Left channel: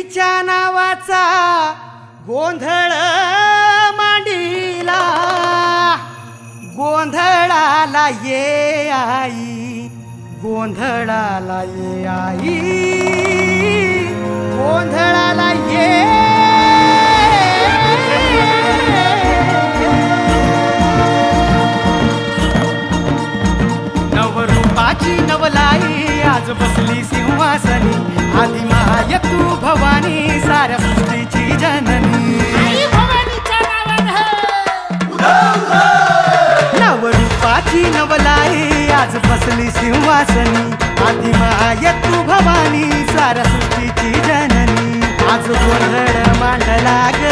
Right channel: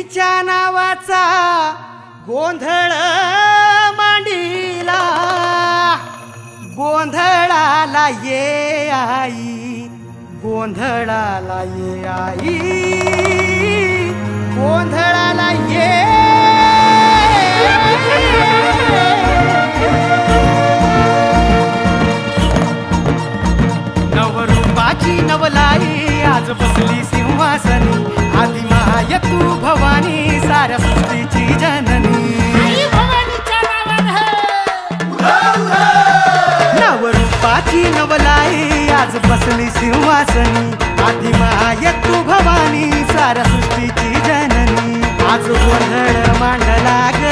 तिच्या नावाचा गोंधळ मांडीला, गोंधळाला ये आई, गोंधळाला ये आई, गोंधळाला ये. नवरूपाची नवलाई आज बसली सिंहासनी, आदि माय तू भवानी साऱ्या सृष्टीची जननी. नवरूपाची नवलाई आज बसली सिंहासनी, आदि माय तू भवानी साऱ्या सृष्टीची जननी. आज गोंधळ मांडला ग,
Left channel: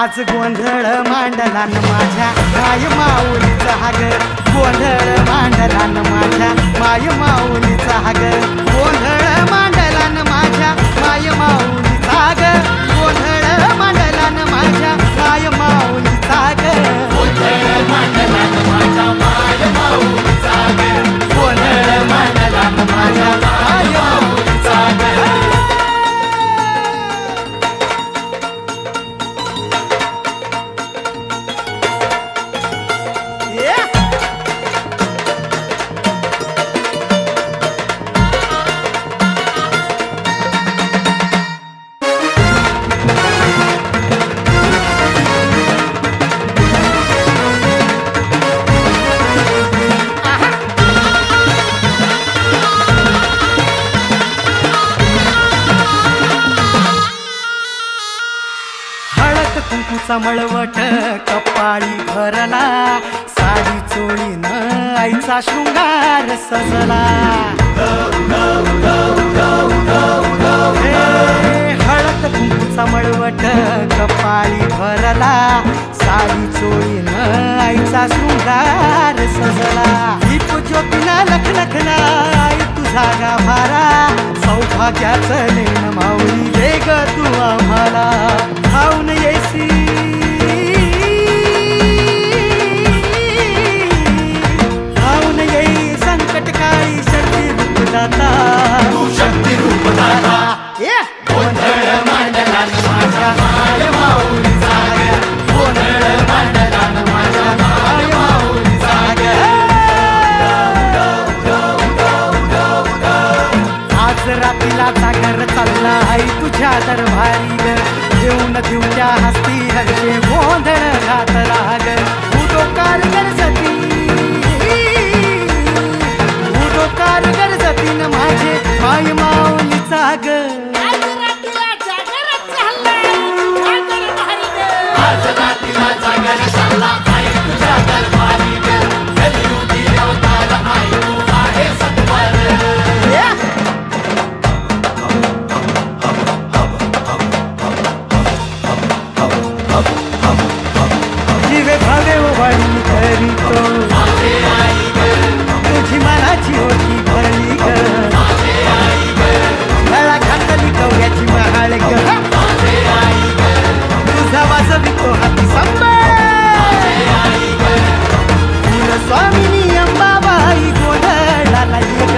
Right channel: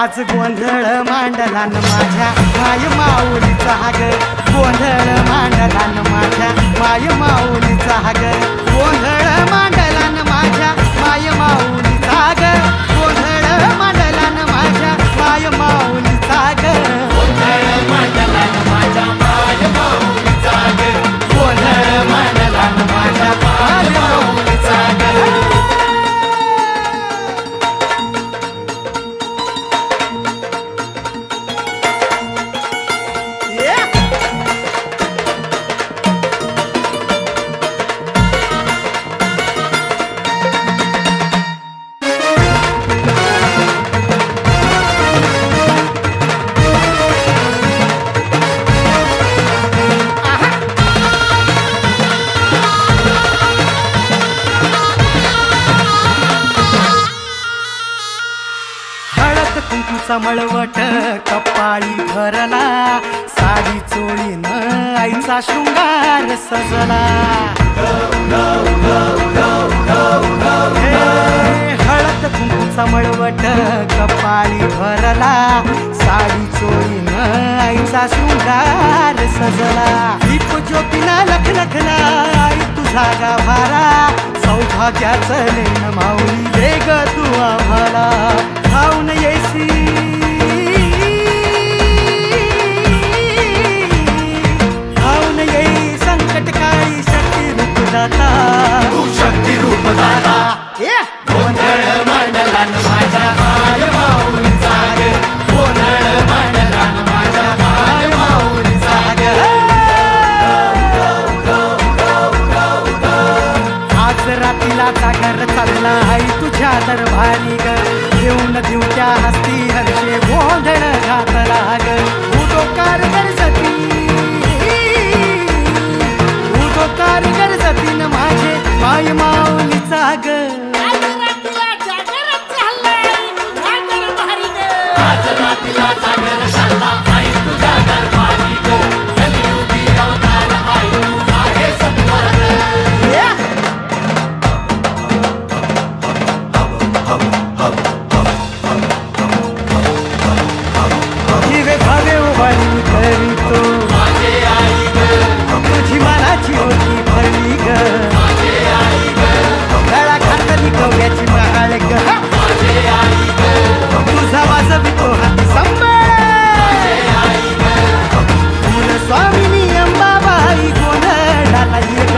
आज गोंधळ मांडला न माझ्या माय माऊलीचा ग, गोंधळ मांडला न माझ्या माय माऊलीचा ग, गोंधळ मांडला न माझ्या माय माऊलीचा ग, गोंधळ मांडला न माझ्या माय माऊलीचा ग, गोंधळ मांडला न माझ्या माय माऊलीचा ग, गोंधळ मांडला न माझ्या माय माऊलीचा ग. कुंकूचा मळवट कपाळी भरला, साडी चोळीन आईचा शृंगार सजला. हळद कुंकूचा मळवट कपाळी भरला, साडी चोळीन आईचा शृंगार सजला. दीप ज्योतीना लखलखला आई तुझा गाभारा, सौभाग्याचं लेण माऊली दे ग तू आम्हाला. धावून येसी धावून येई संकट काळी शक्ती रूपदाता, शक्ती रूपदाता. गोंधळ मांडला न माझ्या माय माऊलीचा ग, गोंधळ मांडला न माझ्या माय माऊलीचा ग. आज रातीला जागर चालला आई तुझ्या दरबारी ग, देऊन देऊत्या हस्ती हर्षे गोंधळ घातला ग. उठो कारगर सती, उठो कारगर सतीन माझे माय माऊलीचा ग. आज रातीला जागर चालला आई तुझ्या दरबारी ग, आज रातीला जागर चालला आई तुझ्या दरबारी ग. कलियुगी अवतार आई तू आहे सत्वर. जीवे भावे उभाळी करीतो, तुझी मनाची ओटी भरली ग, गळा घातली कवड्याची महाळ ग, तुझा वाजवितो हाती सांभाळ. फुल स्वामिनी अंबाबाई गोंधळाला ये ग,